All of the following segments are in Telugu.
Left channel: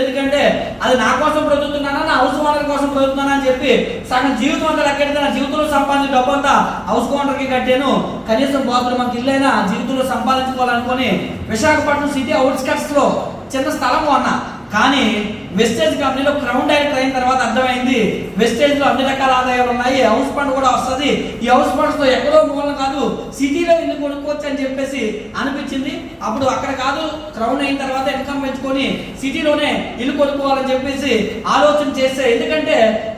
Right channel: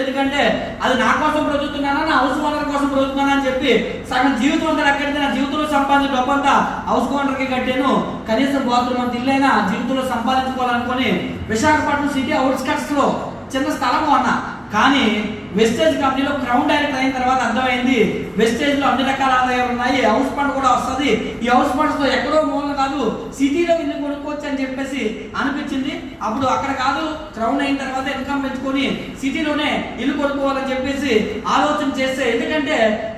ఎందుకంటే అది నా కోసం బ్రతుకుతున్నానా, నా హౌస్ ఓనర్ కోసం బ్రతుకుతున్నానా అని చెప్పి సగం జీవితం అంతా లెక్కెడితే నా జీవితంలో సంపాదించిన డబ్బు అంతా హౌస్ ఓనర్కి కట్టాను. కనీసం బాత్రూమ్ అంత ఇల్లైనా జీవితంలో సంపాదించుకోవాలనుకుని విశాఖపట్నం సిటీ అవుట్స్కట్స్ లో చిన్న స్థలం కొన్నా. కానీ వెస్టేజ్ కంపెనీలో క్రౌన్ డైరెక్టర్ అయిన తర్వాత అర్థమైంది వెస్టేజ్ లో అన్ని రకాల ఆదాయాలు ఉన్నాయి, హౌస్ ఫండ్ కూడా వస్తుంది. ఈ హౌస్ ఫండ్స్ తో ఎక్కడో మూలం కాదు, సిటీలో ఇల్లు కొనుక్కోవచ్చు అని చెప్పేసి అనిపించింది. అప్పుడు అక్కడ కాదు, క్రౌన్ అయిన తర్వాత ఇన్కమ్ పెంచుకొని సిటీలోనే ఇల్లు కొనుక్కోవాలని చెప్పేసి ఆలోచన చేస్తే, ఎందుకంటే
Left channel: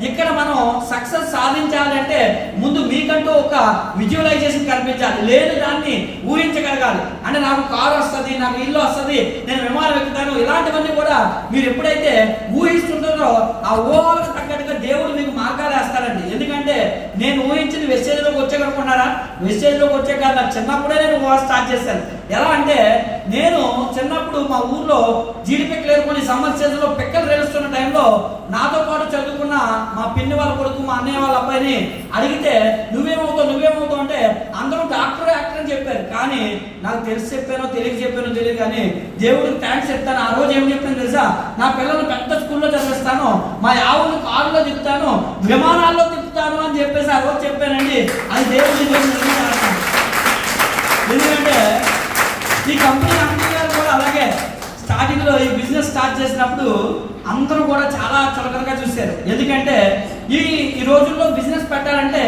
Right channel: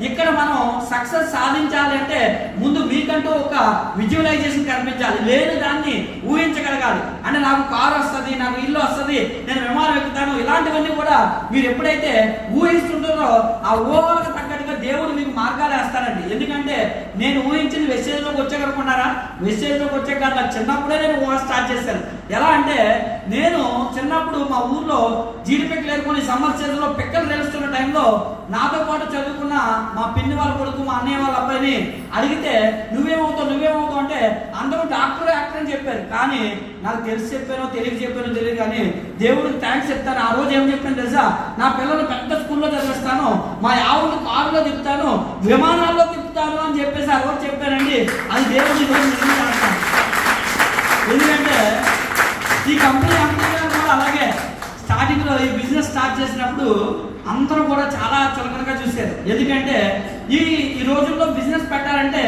ఇక్కడ మనం సక్సెస్ సాధించాలంటే ముందు మీకంటూ ఒక విజువలైజేషన్ కనిపించాలి, లేదు దాన్ని ఊహించగలగాలి. అంటే నాకు కారు వస్తుంది, నాకు ఇల్లు వస్తుంది, నేను విమానం ఎక్కుతాను, ఇలాంటివన్నీ కూడా మీరు ఎప్పుడైతే ఊహిస్తుంటారో ఆ ఊహలకు తగ్గట్టుగా దేవుడు మీకు మార్గాలు వేస్తాడండి. ఎందుకంటే నేను ఊహించింది వెస్టేజ్ లోకి వచ్చాకనుకున్నారా, వెస్టేజ్ లోకి వచ్చాక నాకు చిన్నప్పుడే నేను ఊహ స్టార్ట్ చేశాను. ఎలా అంటే నేను చిన్నప్పుడు మా ఊర్లో జీడిపెక్కలు ఏరుకొని సమ్మర్ సీజన్ లో పెక్కలు రేలుస్తున్న టైంలో నాతో పాటు చదువుకున్న మా పిన్ని వాళ్ళ కొడుకు, మా అన్నయ్య వాళ్ళ అబ్బాయిని అడిగితే నువ్వేమవుతావు అంటే అందరూ డాక్టర్ యాక్టర్ అని చెప్పారు. కానీ నాకు తెలిసి చెప్పానో తెలియదు కానీ దేవుడికి థ్యాంక్స్ చెప్తాను. ఆ రోజు ఏం చెప్పాను తెలుసా, నా పిల్లలు పెద్ద స్కూల్లో చదివిస్తాను, మా ఆవులు కారులో తిప్పుతాను, విమానాల్లో తిప్పుతాను అని చెప్పేసి ఆ రోజు చెప్పానండి. అది దేవుడి ఎందుకంటే ఈ కంపెనీ కూడా అలాగే స్టార్టింగ్ లో ఈ బిజినెస్ స్టార్ట్ చేసినప్పుడు అందరూ కూడా చాలా చులకనగా చూశారు. ఎందుకంటే ఈ రోజుల్లో బిజినెస్ పెట్టాలంటే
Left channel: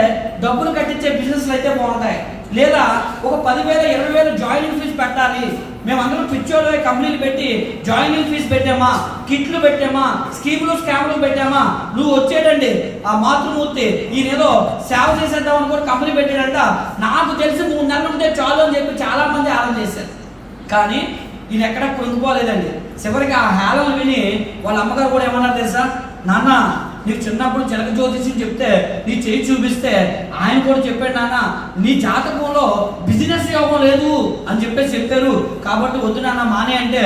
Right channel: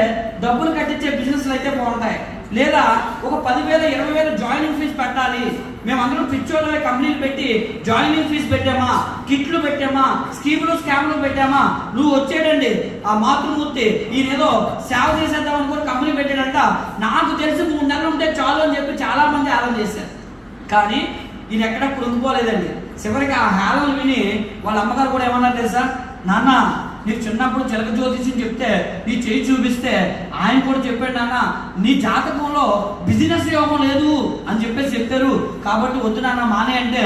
డబ్బులు కట్టించే బిజినెస్లు అయితే బాగుంటాయి, లేదా ఒక 10,000 20,000 జాయినింగ్ ఫీజు పెట్టాలి. మేమందరం పిచ్చోళ్ళు కంపెనీలు పెట్టి జాయినింగ్ ఫీజు పెట్టామా, కిట్లు పెట్టామా, స్కామ్లు పెట్టామా, నువ్వు వచ్చేటండి ఆ మాతృమూర్తి ఈయనేదో సేవ చేసేద్దాం అనుకో కంపెనీ పెట్టాడంట, నాకు తెలిసి 3 నెలలు ఉంటే చాలు అని చెప్పి చాలా మంది ఆలోచన చేశారు. కానీ ఈయన ఎక్కడ కృంగిపోలేదండి. చివరికి ఆ హేళన విని వాళ్ళ అమ్మగారు కూడా ఏమన్నారు తెలుసా, నాన్న నీకు చిన్నప్పుడు చిలక జ్యోతిషం చెప్తే నీ చేయి చూపిస్తే ఆయన కూడా చెప్పాడు, నాన్న నీ జాతకంలో బిజినెస్ యోగం లేదు అని చెప్పేసి చెప్పారు, కాబట్టి వద్దు నాన్న మానే అంటే,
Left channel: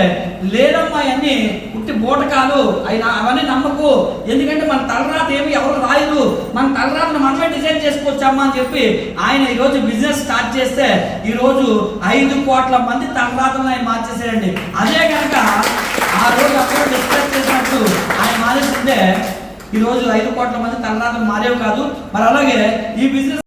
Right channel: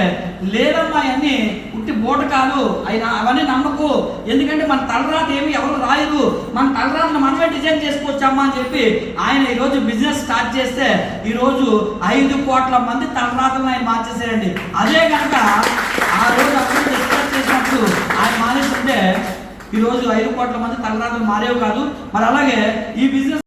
లేదమ్మా అవన్నీ పుట్టి బూటకాలు అవన్నీ నమ్మకు, ఎందుకంటే మన తలరాత ఏమి ఎవరు రాయరు, మన తలరాతను మనమే డిజైన్ చేసుకోవచ్చమ్మా అని చెప్పి ఆయన ఈరోజు బిజినెస్ స్టార్ట్ చేస్తే ఈరోజు 5 కోట్ల మంది తలరాతను ఆయన మార్చేశారండి. అదే కనుక ఆ రోజు అప్పుడు డిస్కస్ చేసినప్పుడు ఆయన మానేస్తుంటే ఈరోజు 5 కోట్ల మంది తలరాతలు మారేవి కాదు. మరి అలాగే ఈ బిజినెస్